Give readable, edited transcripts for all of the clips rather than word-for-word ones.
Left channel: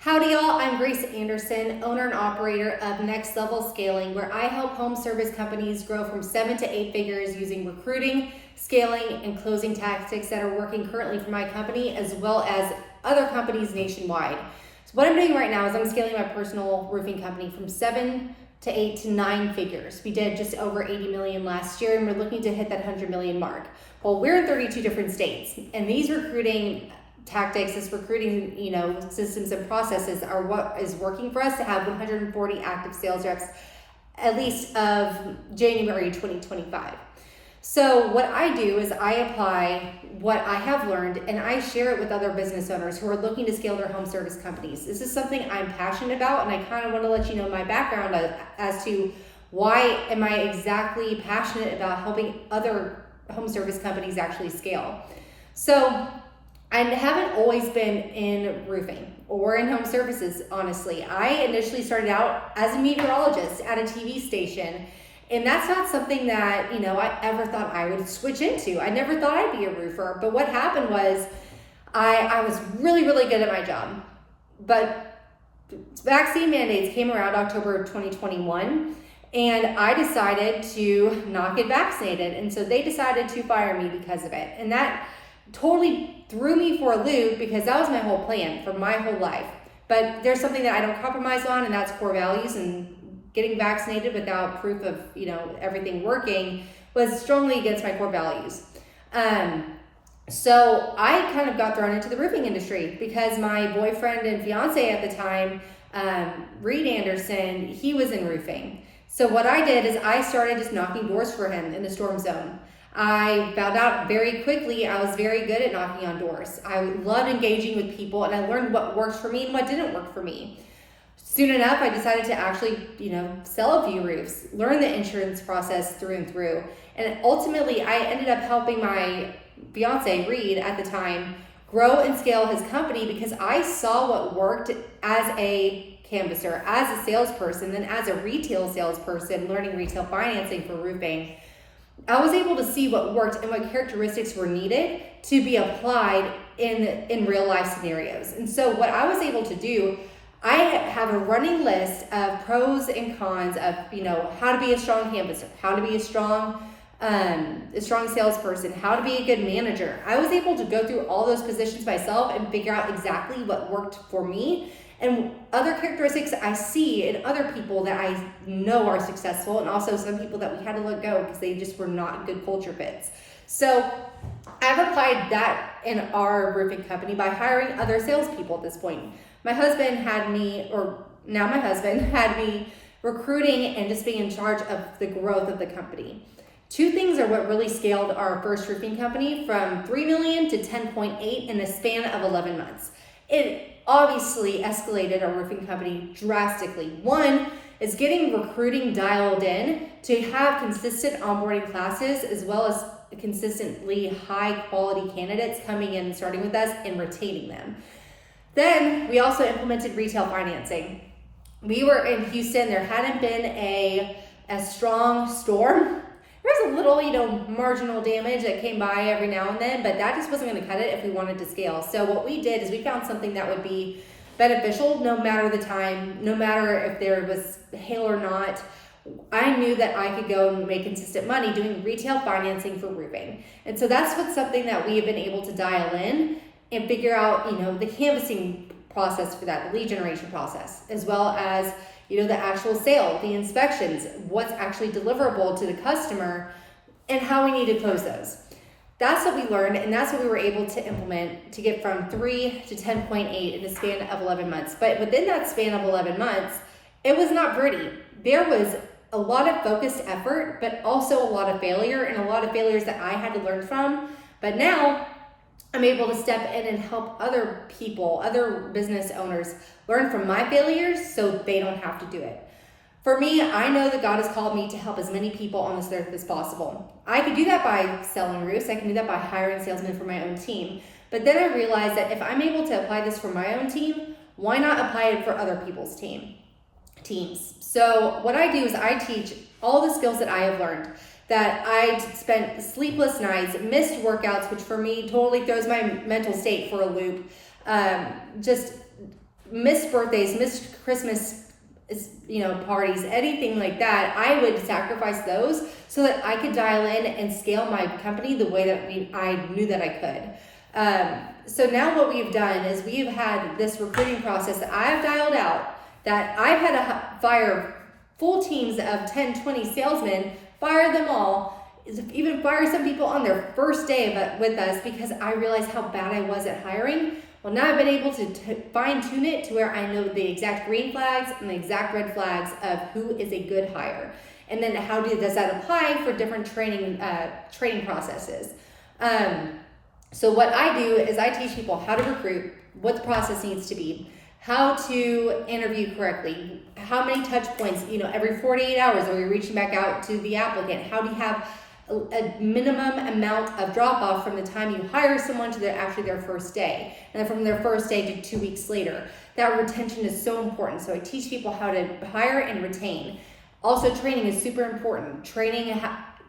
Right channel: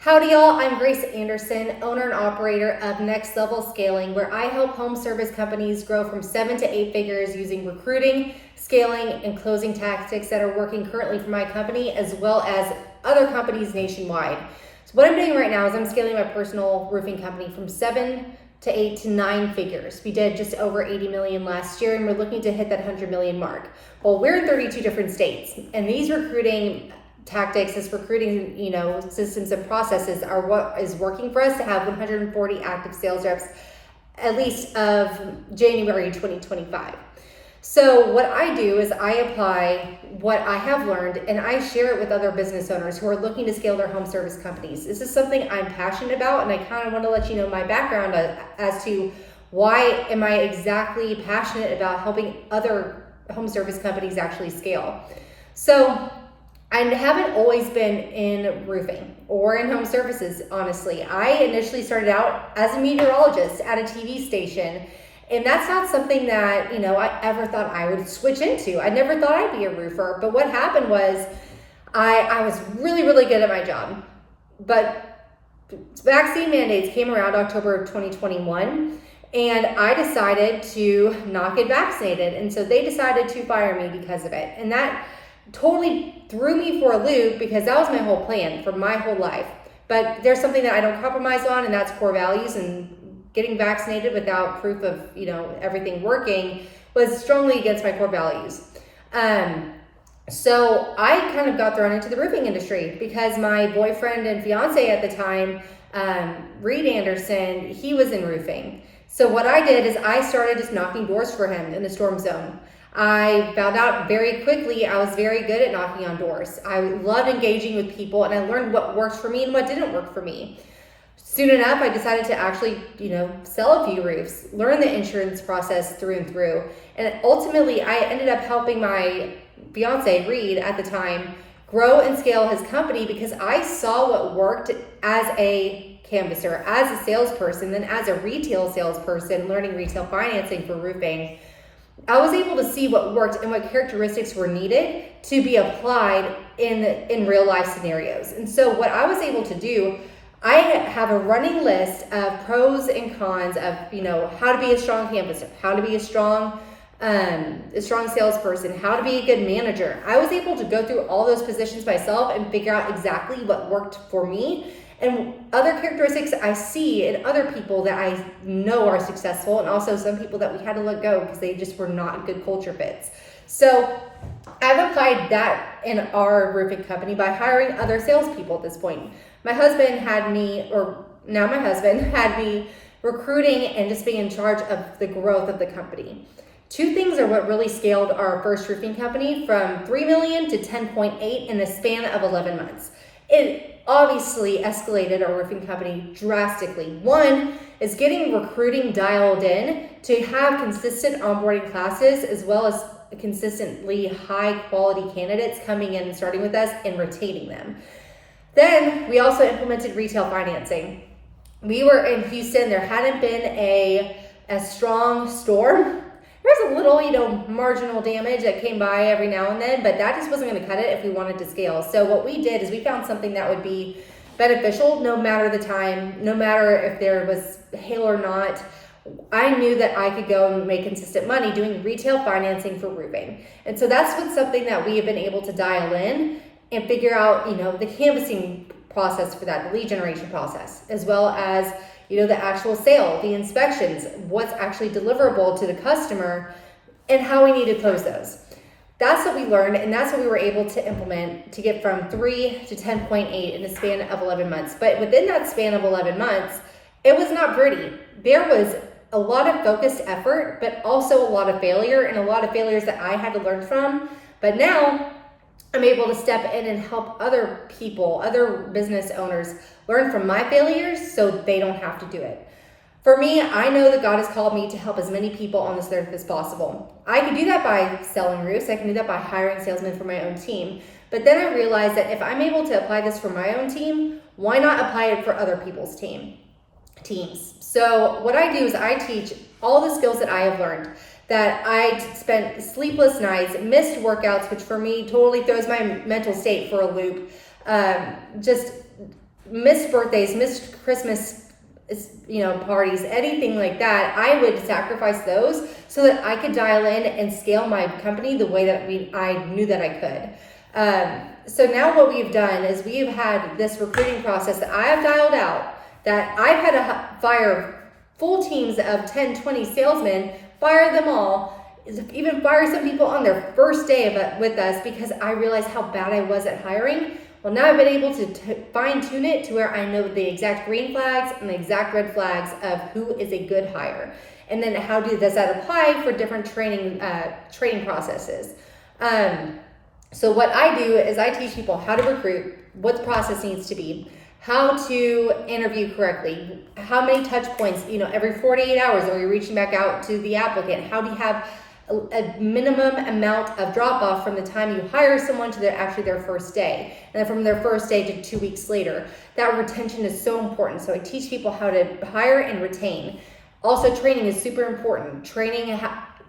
Howdy y'all, I'm Grace Anderson, owner and operator of Next Level Scaling, where I help home service companies grow from 7 to 8 figures using recruiting, scaling, and closing tactics that are working currently for my company as well as other companies nationwide. So what I'm doing right now is I'm scaling my personal roofing company from 7 to 8 to 9 figures. We did just over 80 million last year and we're looking to hit that 100 million mark. Well, we're in 32 different states and these recruiting tactics, this recruiting, systems and processes are what is working for us to have 140 active sales reps at least of January 2025. So what I do is I apply what I have learned and I share it with other business owners who are looking to scale their home service companies. This is something I'm passionate about and I kind of want to let you know my background as to why am I exactly passionate about helping other home service companies actually scale. So I haven't always been in roofing or in home services, honestly. I initially started out as a meteorologist at a TV station, and that's not something that, I ever thought I would switch into. I never thought I'd be a roofer, but what happened was I was really, really good at my job. But vaccine mandates came around October of 2021, and I decided to not get vaccinated, and so they decided to fire me because of it. And that totally threw me for a loop because that was my whole plan for my whole life. But there's something that I don't compromise on, and that's core values. And getting vaccinated without proof of everything working was strongly against my core values. So I kind of got thrown into the roofing industry because my boyfriend and fiance at the time, Reed Anderson, he was in roofing. So what I did is I started just knocking doors for him in the storm zone. I found out very quickly I was very good at knocking on doors. I loved engaging with people and I learned what worked for me and what didn't work for me. Soon enough, I decided to actually, sell a few roofs, learn the insurance process through and through. And ultimately, I ended up helping my fiance, Reed, at the time, grow and scale his company because I saw what worked as a canvasser, as a salesperson, then as a retail salesperson, learning retail financing for roofing. I was able to see what worked and what characteristics were needed to be applied in real life scenarios. And so what I was able to do, I have a running list of pros and cons of, how to be a strong canvasser, how to be a strong salesperson, how to be a good manager. I was able to go through all those positions myself and figure out exactly what worked for me and other characteristics I see in other people that I know are successful, and also some people that we had to let go because they just were not good culture fits. So I've applied that in our roofing company by hiring other salespeople at this point. My husband had me recruiting and just being in charge of the growth of the company. Two things are what really scaled our first roofing company from 3 million to 10.8 in the span of 11 months. It obviously escalated our roofing company drastically. One is getting recruiting dialed in to have consistent onboarding classes as well as consistently high quality candidates coming in and starting with us and retaining them. Then we also implemented retail financing. We were in Houston. There hadn't been a strong storm. There's a little, marginal damage that came by every now and then, but that just wasn't going to cut it if we wanted to scale. So what we did is we found something that would be beneficial no matter the time, no matter if there was hail or not. I knew that I could go and make consistent money doing retail financing for roofing. And so that's something that we have been able to dial in and figure out, the canvassing process for that, the lead generation process, as well as the actual sale, the inspections, what's actually deliverable to the customer, and how we need to close those. That's what we learned, and that's what we were able to implement to get from 3 to 10.8 in the span of 11 months. But within that span of 11 months, it was not pretty. There was a lot of focused effort, but also a lot of failure, and a lot of failures that I had to learn from. But now I'm able to step in and help other people, other business owners learn from my failures so they don't have to do it. For me, I know that God has called me to help as many people on this earth as possible. I could do that by selling roofs. I can do that by hiring salesmen for my own team. But then I realized that if I'm able to apply this for my own team, why not apply it for other people's teams? So what I do is I teach all the skills that I have learned, that I spent sleepless nights, missed workouts, which for me totally throws my mental state for a loop. Just missed birthdays, missed Christmas, parties, anything like that, I would sacrifice those so that I could dial in and scale my company the way that I knew that I could. So now what we've done is we've had this recruiting process that I have dialed out, that I've had to fire full teams of 10, 20 salesmen, fire them all, even fire some people on their first day with us because I realized how bad I was at hiring. Well, now I've been able to fine tune it to where I know the exact green flags and the exact red flags of who is a good hire. And then does that apply for different training processes? So what I do is I teach people how to recruit, what the process needs to be, how to interview correctly, how many touch points, every 48 hours are you reaching back out to the applicant? How do you have a minimum amount of drop off from the time you hire someone to their first day, and then from their first day to 2 weeks later? That retention is so important. So I teach people how to hire and retain. Also, training is super important. Training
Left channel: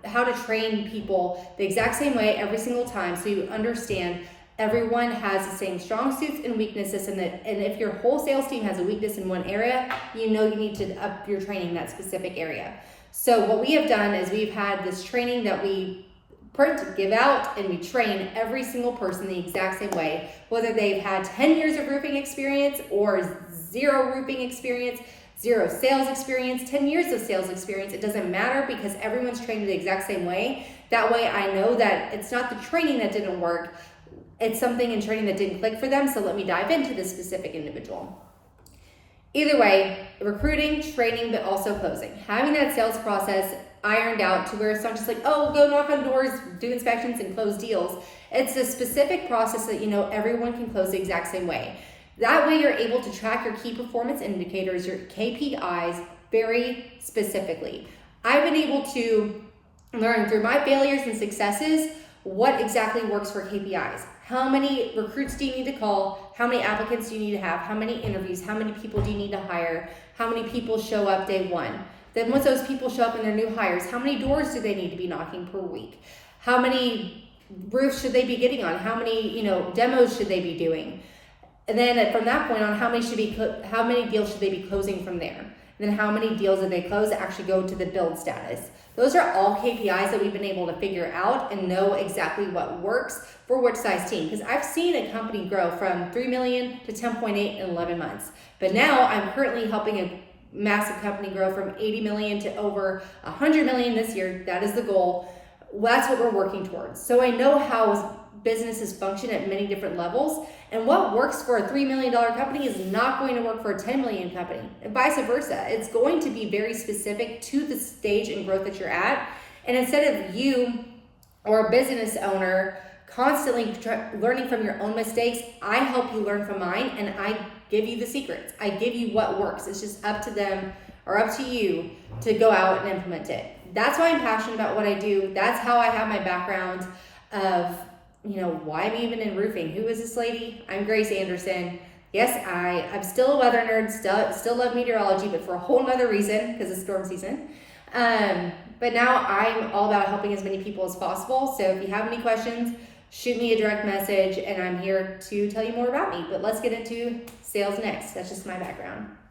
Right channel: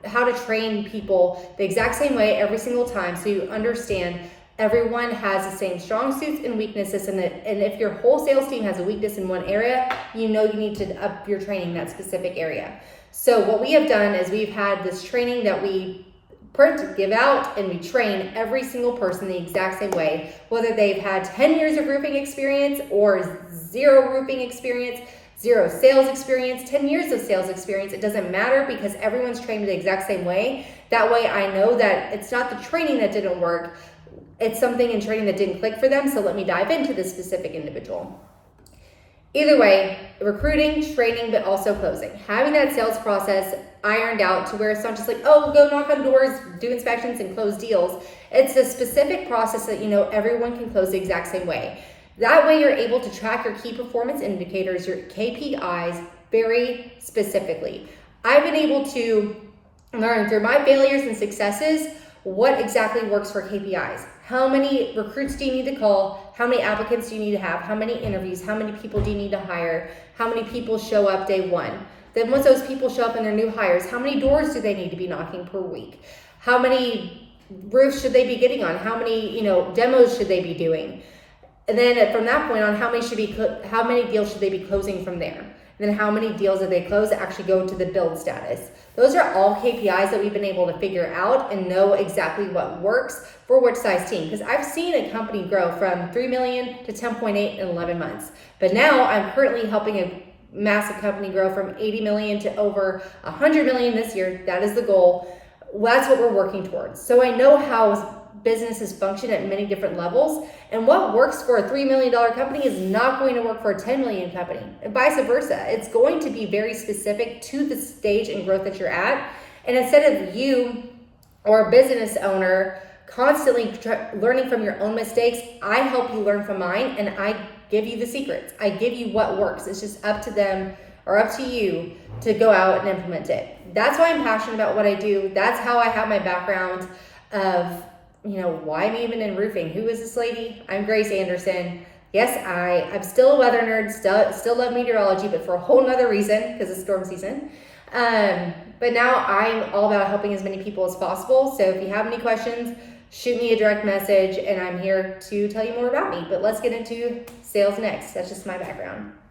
how to train people the exact same way every single time, so you understand everyone has the same strong suits and weaknesses, and if your whole sales team has a weakness in one area, you need to up your training in that specific area. So what we have done is we've had this training that we print, give out, and we train every single person the exact same way, whether they've had 10 years of roofing experience or 0 roofing experience, 0 sales experience, 10 years of sales experience. It doesn't matter because everyone's trained the exact same way. That way I know that it's not the training that didn't work, it's something in training that didn't click for them, so let me dive into this specific individual. Either way, recruiting, training, but also closing. Having that sales process ironed out to where it's not just like, oh, go knock on doors, do inspections, and close deals. It's a specific process that everyone can close the exact same way. That way you're able to track your key performance indicators, your KPIs, very specifically. I've been able to learn through my failures and successes what exactly works for KPIs. How many recruits do you need to call? How many applicants do you need to have? How many interviews? How many people do you need to hire? How many people show up day one? Then once those people show up and they're new hires, how many doors do they need to be knocking per week? How many roofs should they be getting on? How many demos should they be doing? And then from that point on, how many deals should they be closing from there? And then how many deals that they close actually go to the build status? Those are all KPIs that we've been able to figure out and know exactly what works for which size team. Because I've seen a company grow from 3 million to 10.8 in 11 months. But now I'm currently helping a massive company grow from 80 million to over 100 million this year. That is the goal. Well, that's what we're working towards. So I know how businesses function at many different levels, and what works for a $3 million company is not going to work for a 10 million company, and vice versa. It's going to be very specific to the stage and growth that you're at. And instead of you or a business owner constantly learning from your own mistakes, I help you learn from mine, and I give you the secrets. I give you what works. It's just up to them or up to you to go out and implement it. That's why I'm passionate about what I do. That's how I have my background of why I'm even in roofing. Who is this lady? I'm Grace Anderson. Yes, I'm still a weather nerd, still love meteorology, but for a whole nother reason, because it's storm season. But now I'm all about helping as many people as possible. So if you have any questions, shoot me a direct message, and I'm here to tell you more about me. But let's get into sales next. That's just my background.